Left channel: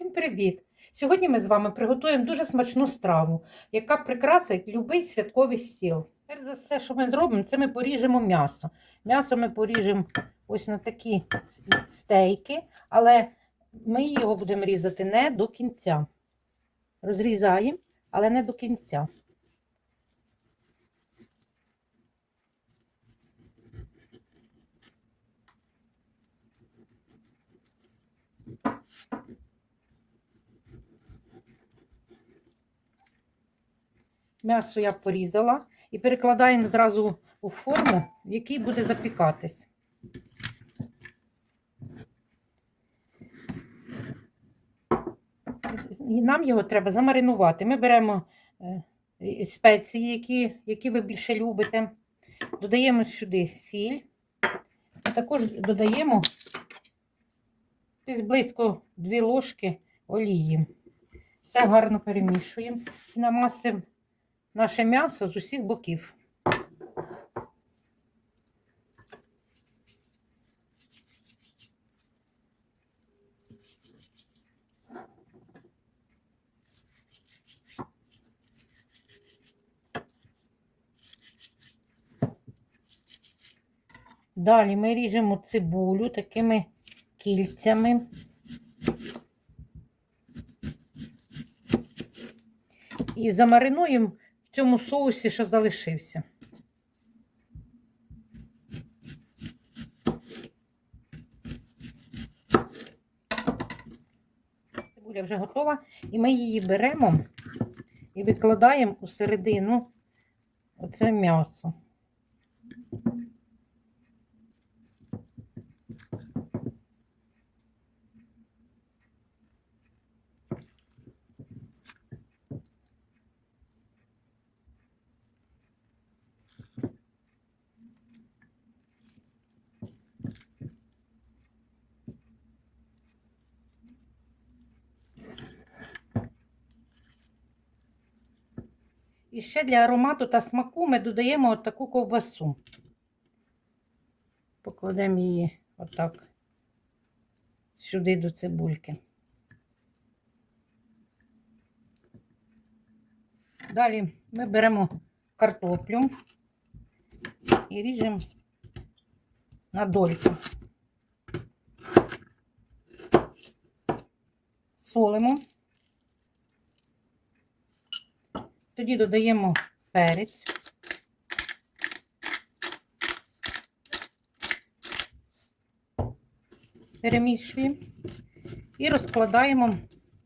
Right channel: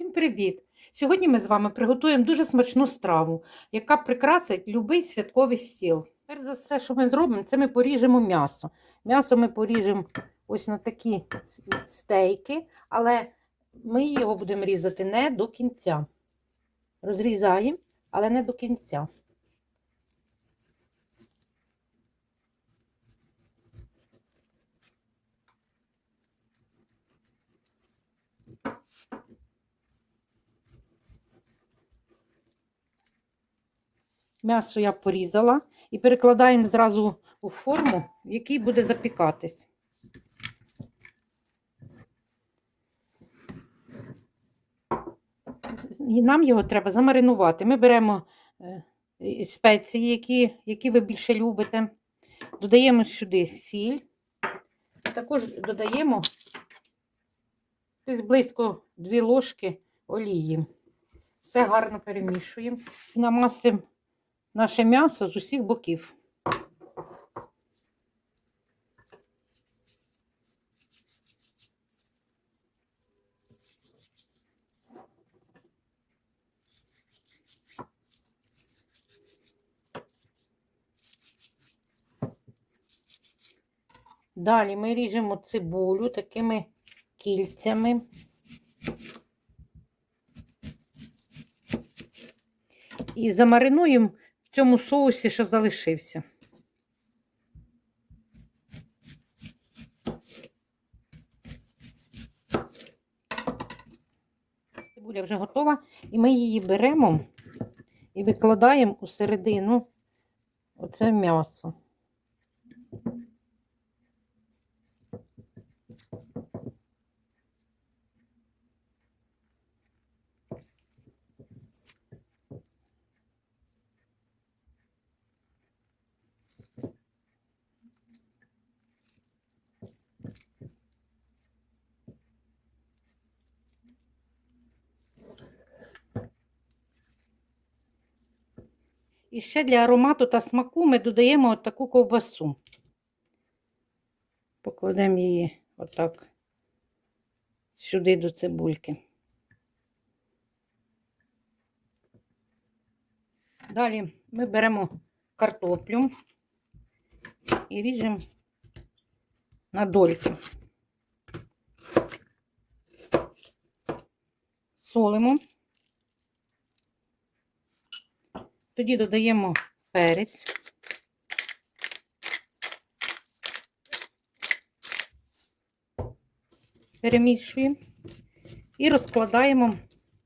Всім привіт! Сьогодні ми з вами приготуємо дуже смачну страву, яка прикрасить будь-який святковий стіл. Перш за все, що ми зробимо, це ми поріжемо м'ясо. М'ясо ми поріжемо ось на такі стейки, але ми його будемо різати не до кінця. Розрізаємо, але не до кінця. М'ясо я порізала і перекладаємо зразу у форму, в якій буде запікатись. І нам його треба замаринувати. Ми беремо е, спеції, які, які ви більше любите. Додаємо сюди сіль, а також додаємо десь близько 2 ложки олії. Все гарно перемішуємо і намастимо наше м'ясо з усіх боків. Далі ми ріжемо цибулю такими кільцями. І замаринуємо в цьому соусі, що залишився. Цибуля вже готова, і ми її беремо і викладаємо у середину оце м'ясо. І ще для аромату та смаку ми додаємо от таку ковбасу. Покладемо її отак сюди до цибульки. Далі ми беремо картоплю і ріжемо на дольки. Солимо. Тоді додаємо перець. Перемішуємо і розкладаємо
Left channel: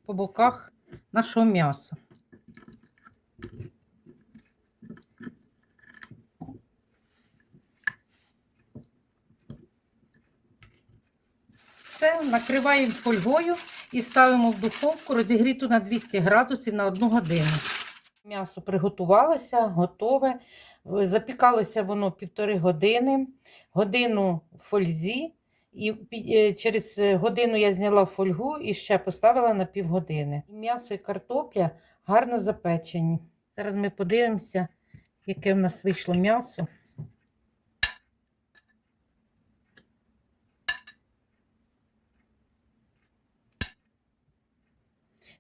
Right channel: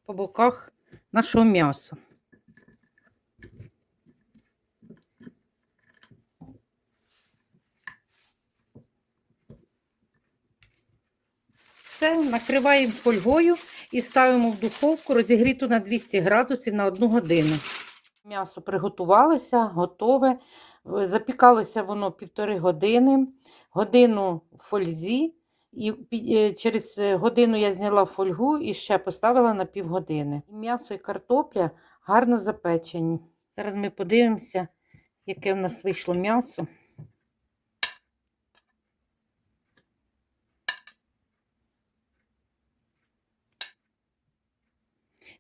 по боках нашого м'яса. Все, накриваємо фольгою і ставимо в духовку розігріту на 200 градусів на 1 годину. М'ясо приготувалося, готове. Запікалося воно півтори години, годину в фользі, і через годину я зняла фольгу і ще поставила на півгодини. М'ясо і картопля гарно запечені. Зараз ми подивимося, яке в нас вийшло м'ясо.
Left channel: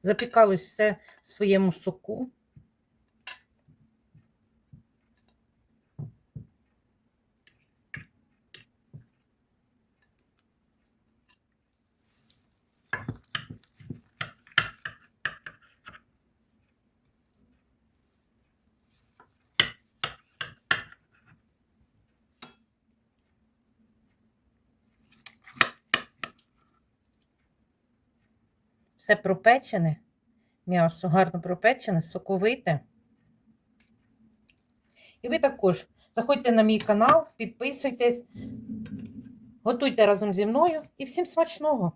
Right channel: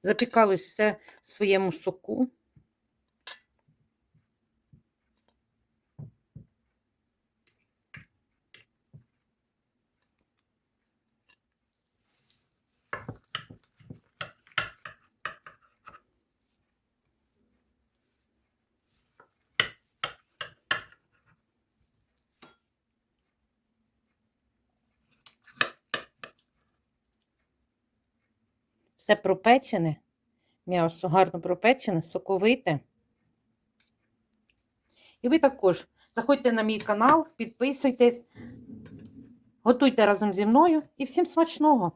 Запікалось все в своєму соку. Все пропечене, м'ясо гарно пропечене, соковите. І ви також заходьте на мій канал, підписуйтесь, готуйте разом зі мною і всім смачного!